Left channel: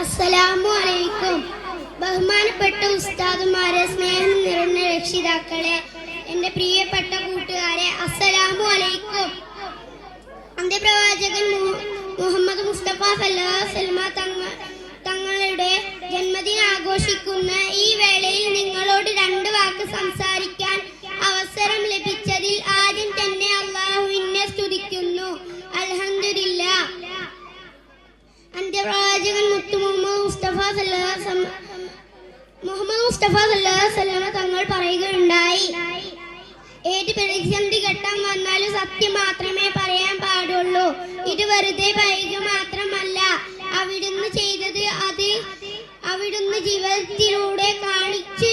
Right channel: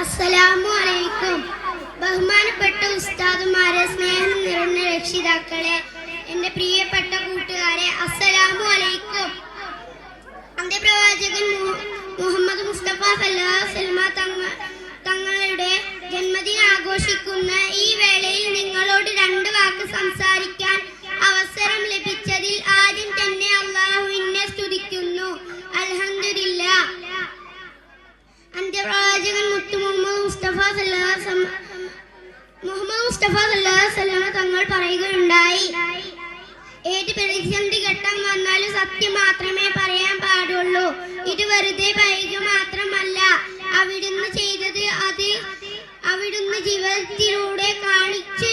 അസ്സലാമു അലൈക്കും. ബഹുമാനപ്പെട്ട ഉസ്താദുമാരെ, സ്നേഹം നിറഞ്ഞ രക്ഷിതാക്കളെ, എന്റെ പ്രിയപ്പെട്ട കൂട്ടുകാരെ, അസ്സലാമു അലൈക്കും. അന്ത്യപ്രവാചകൻ മുഹമ്മദ് മുസ്തഫ സല്ലല്ലാഹു അലൈഹി വസല്ലമ തങ്ങളുടെ ജന്മദിനം ആഘോഷിക്കുന്ന ഈ വേളയിൽ നിങ്ങളോട് രണ്ട് വാക്ക് സംസാരിക്കാൻ അവസരം ലഭിച്ചതിൽ ആദ്യം തന്നെ അല്ലാഹുവിനെ സ്തുതിക്കുന്നു. അൽഹംദുലില്ലാഹ്. അന്ത്യപ്രവാചകൻ മുഹമ്മദ് മുസ്തഫ സല്ലല്ലാഹു അലൈഹി വസല്ലമ തങ്ങൾ പറയുകയുണ്ടായി, ഏത് പ്രതിസന്ധി ഘട്ടം വന്നാലും സത്യം മാത്രമേ പറയാൻ പാടുള്ളൂ. ഇത് വെറുതെ പറയുക മാത്രമല്ല, അവിടുന്ന് ചെയ്തത് അത് അവിടുന്ന് ജീവിതത്തിലൂടെ കാണിച്ചു